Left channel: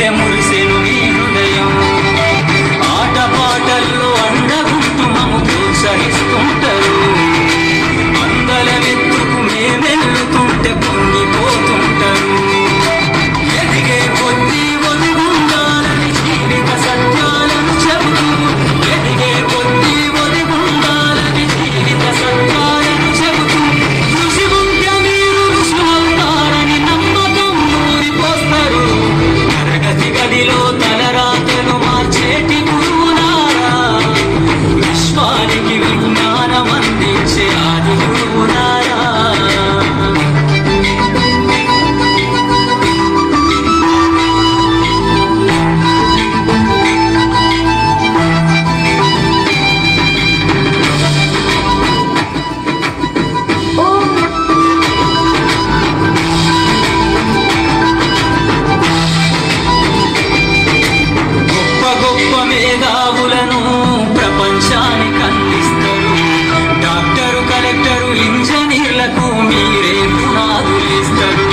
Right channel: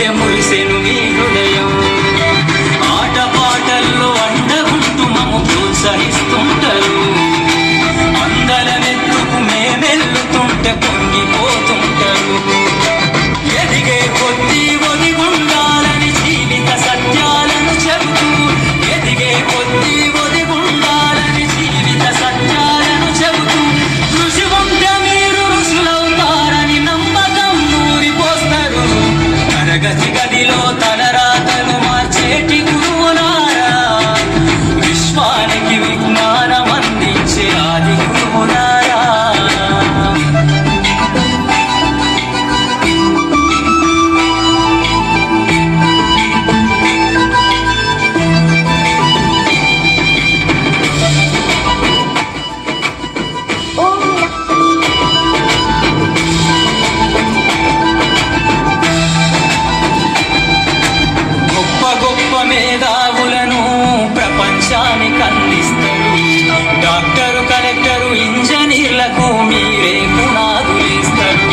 చూస్తుంటే మురిసెను మీ హృదయం. ఆట పాటల్లో అండగుంటూ మమ్ము ప్రోత్సహిస్తుంటారు. అందలమెత్తుకు మేమెల్లుతుంటే పొంగిపోతుంటారు. ఎదిగే కొద్దీ ఒదిగుండాలని జీవిత సత్యాలను చెబుతూ, ఎదిగే కొద్దీ ఒదిగుండాలని జీవిత సత్యాలను చెబుతూ, కృషి ఉంటే మీరు ఋషులవుతారని నమ్మకం నూరిపోస్తారు. తరగతి గదిలో తలరాతను మార్చేటి గురువులారా, విశ్వానికి విజ్ఞానం అందించే ఆది గురువులారా. గొప్ప గొప్ప మేధావులను ప్రపంచానికి అందిస్తారు. డాక్టరు, కలెక్టరు, ఇంజనీర్లకు మీరే పునాదులేస్తారు.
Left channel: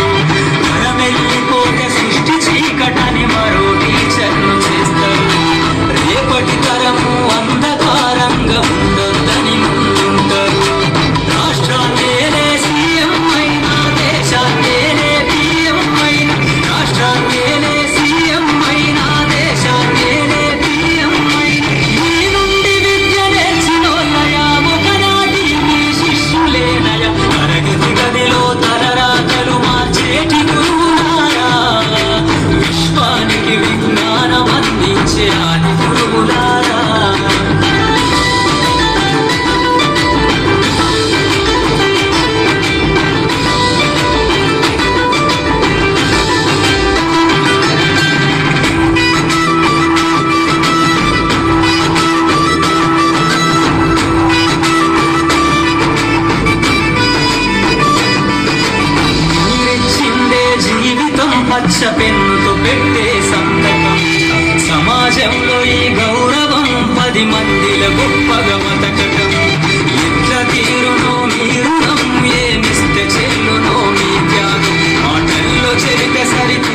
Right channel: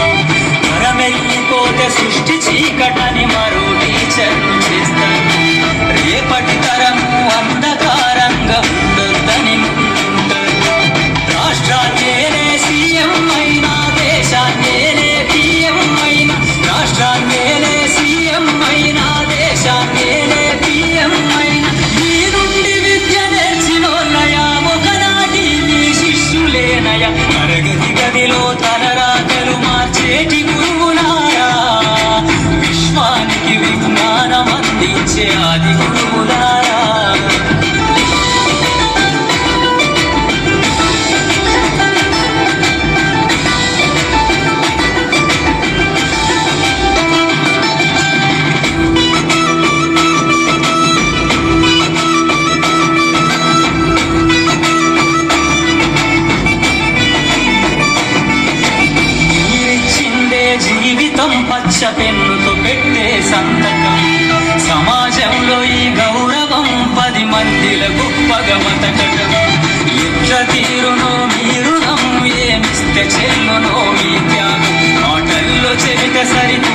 తరమెల్లిపోతే సృష్టి చీకటని మరో టీచర్లు చేస్తారు. రేపటి తరము అంధకారంగా ఉండొద్దని ముందుంటారు. రాష్ట్రాన్నేలే సీఎం అయినా, దేశాన్నేలే పిఎం అయినా, రాష్ట్రాన్నేలే సీఎం అయినా, దేశాన్నేలే పిఎం అయినా, మీ నుండి విద్య నేర్చినోళ్ళయా, ఒకనాటి మీ శిష్యులేనయా. తరగతి గదిలో తలరాతలు మార్చేటి గురువులారా, విశ్వానికి విజ్ఞానం అందించే ఆది గురువులారా. మీరిచ్చిందే జీవితం పచ్చ పెన్నుతో పెట్టే సంతకం. సమాజంలో ఈ గౌరవం 10 మందిలో గొప్పగా బతకటం. ఎట్ల తీరునో మీ రుణం, ఏమిస్తే చెల్లునో మీ త్యాగం. మాటల్లో చెరితే సరితూ